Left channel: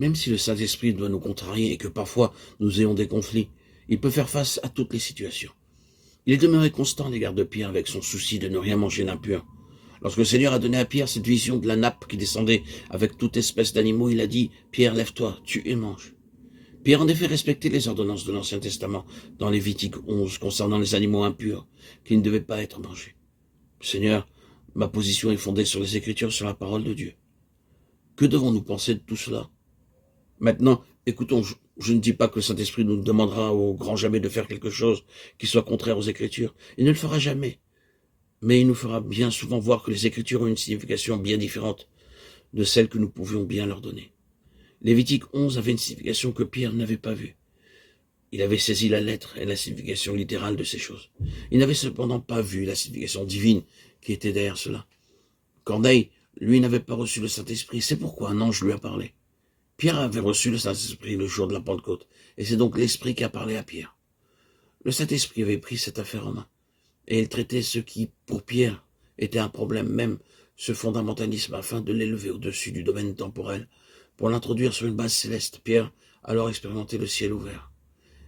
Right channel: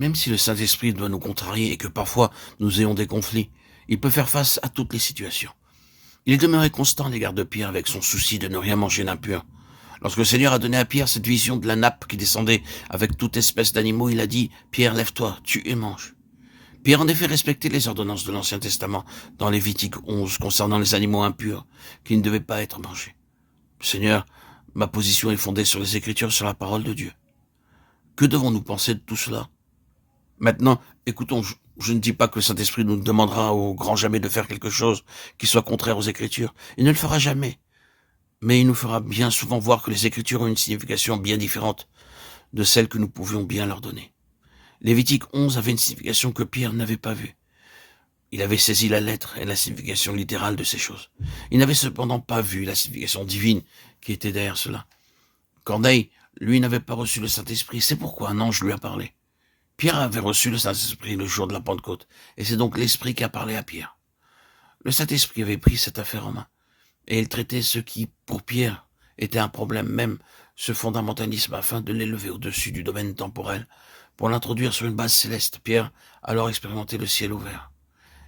Même si le Saint-Esprit doit nous contrarier et que parfois nous ayons des conflits, il peut faire face à toutes les situations. Il est demeuré constant à l'égard de Pierre avec son souci de ne rien manger d'impur. Lorsque le Seigneur a donné à Pierre cette vision de la nappe qui descendait avec toute espèce d'animaux, il a dit « Pierre, lève-toi, tue et mange ». Pierre en effet respectait les ordonnances de l'Ancien Testament dans Lévitique 11 concernant les animaux impurs qui ne devaient pas être mangés. Seigneur, ma position est fondée sur les Écritures, sur la parole de Dieu. Que devons-nous penser de tout cela? Maintenant, écoutons, je ne dis pas que le Saint-Esprit nous demandera au grand jamais de faire quelque chose qui soit contraire aux Écritures. Il ne le fera jamais. Mais il nous fera bien souvent voir que les Écritures ont une signification bien différente de celle que nous pouvions bien leur donner. Lévitique 11 avait une signification que Pierre n'avait pas vue. Il avait saisi la lettre et la signification littérale de ces choses. Il n'avait cependant pas vu la signification divine qui était derrière cela. Corneille, lui, n'avait pas reçu le Saint-Esprit. C'est pourquoi un ange lui a parlé. Pierre avait reçu le Saint-Esprit le jour de la Pentecôte, et c'est donc l'Esprit qui a parlé à Pierre. Le Saint-Esprit avait pris cette affaire en main, et il traitait ce qui, pour Pierre, était un problème, même ce fondamentalisme, afin de l'élever au-dessus du domaine temporel, pour l'introduire sur une base céleste. Pierre a alors expérimenté le ciel ouvert.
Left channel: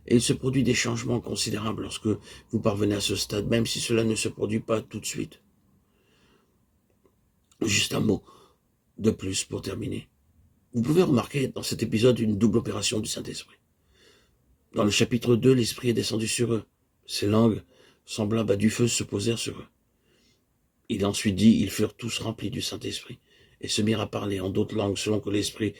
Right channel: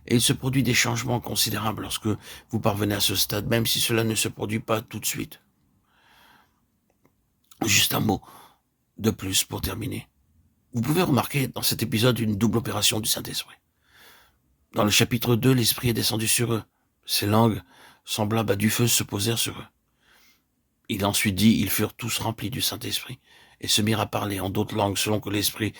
Et il se produit des changements considérables lorsque vous parvenez à ce stade, même si cela ne se produit pas tout de suite. Juste un mot de plus pour terminer. Vous pouvez remarquer dans cet épisode une double opération du Saint-Esprit. Dans le chapitre 2, l'Esprit est descendu sur eux. Ces langues, semblables à du feu, se posèrent sur eux. Il a ensuite dit, ils furent tous remplis du Saint-Esprit et se mirent à parler en d'autres langues selon que l'Esprit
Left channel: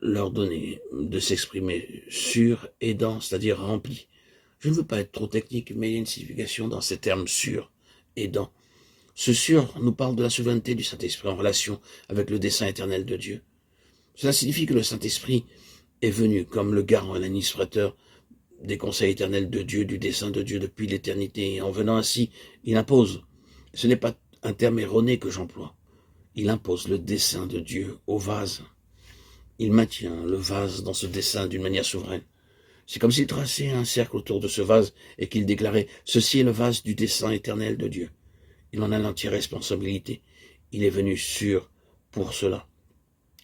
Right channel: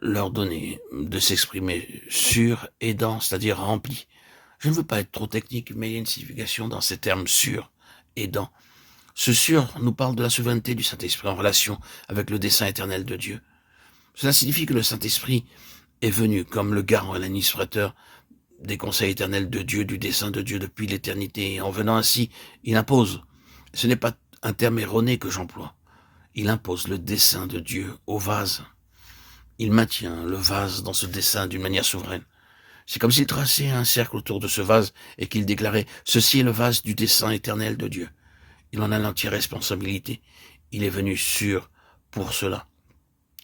leur donnait de s'exprimer sur et dans, c'est-à-dire rempli. Je ne veux pas être trop technique, mais il y a une signification dans ces termes sur et dans. Ce sur nous parle de la souveraineté du Saint-Esprit en relation avec le dessein éternel de Dieu. Cela signifie que le Saint-Esprit est venu comme le garant et l'administrateur des conseils éternels de Dieu, du dessein de Dieu depuis l'éternité. Et en venant ainsi, il impose. Ce n'est pas un terme erroné que j'emploie. Il impose le dessein de Dieu au vase. Il maintient le vase dans ce dessein d'une manière souveraine. C'est comme s'il traçait un cercle autour de ce vase et qu'il déclarait « Ceci est le vase du dessein éternel de Dieu ». Il en a l'entière responsabilité. Il est venu sûr pour cela.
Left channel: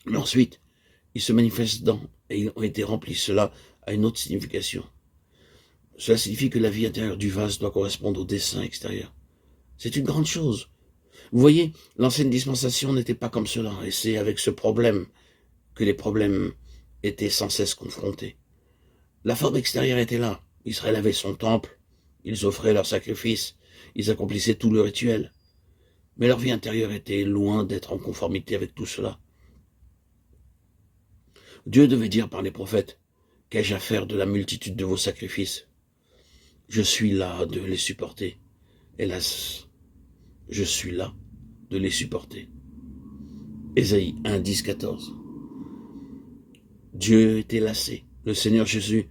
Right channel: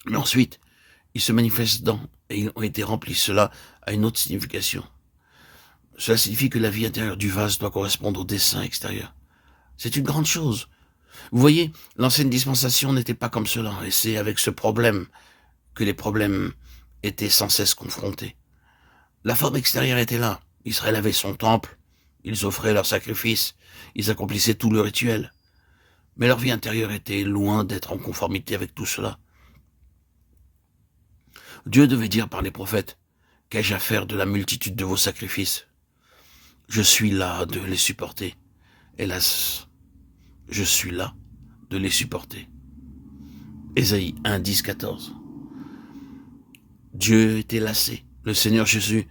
Mais ensuite, il se manifeste dans, et ils ont été remplis. Cela a une autre signification. Cela signifie que la vie intérieure du vase doit correspondre au dessein extérieur. C'est une grande chose. Vous voyez, l'ancienne dispensation n'était pas comme cela, et c'est avec ce problème que les problèmes étaient sans cesse confrontés. La forme extérieure était là. Israël avait son temple, ils offraient leurs sacrifices, ils accomplissaient tout le rituel. Mais leur vie intérieure était loin d'être en conformité avec tout cela. Dieu devait dire par les prophètes, « Qu'ai-je à faire de la multitude de vos sacrifices? Je suis là de les supporter. Hélas, je suis là de les supporter. » Ésaïe 1, 10, 14. Dieu était lassé. Le Seigneur Jésus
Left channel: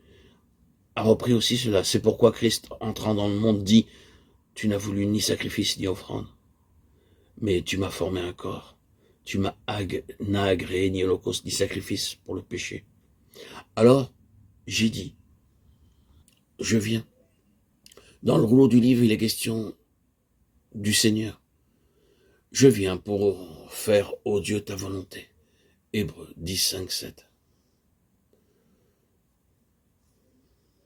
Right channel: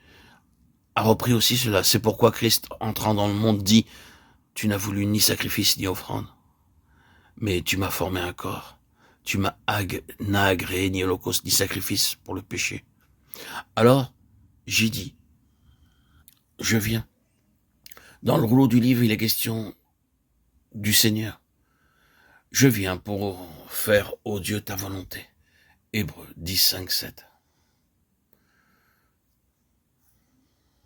a repris aussi cela. C'est pourquoi Christ, entrant dans le monde, dit « Tu n'as voulu ni sacrifice ni offrande, mais tu m'as formé un corps. Tu n'as agréé ni holocauste ni sacrifice pour le péché. » Alors, j'ai dit, je viens. Dans le rouleau du livre, il est question du Seigneur. Je viens pour faire, ô Dieu, ta volonté. Hébreux 10, 5, 7.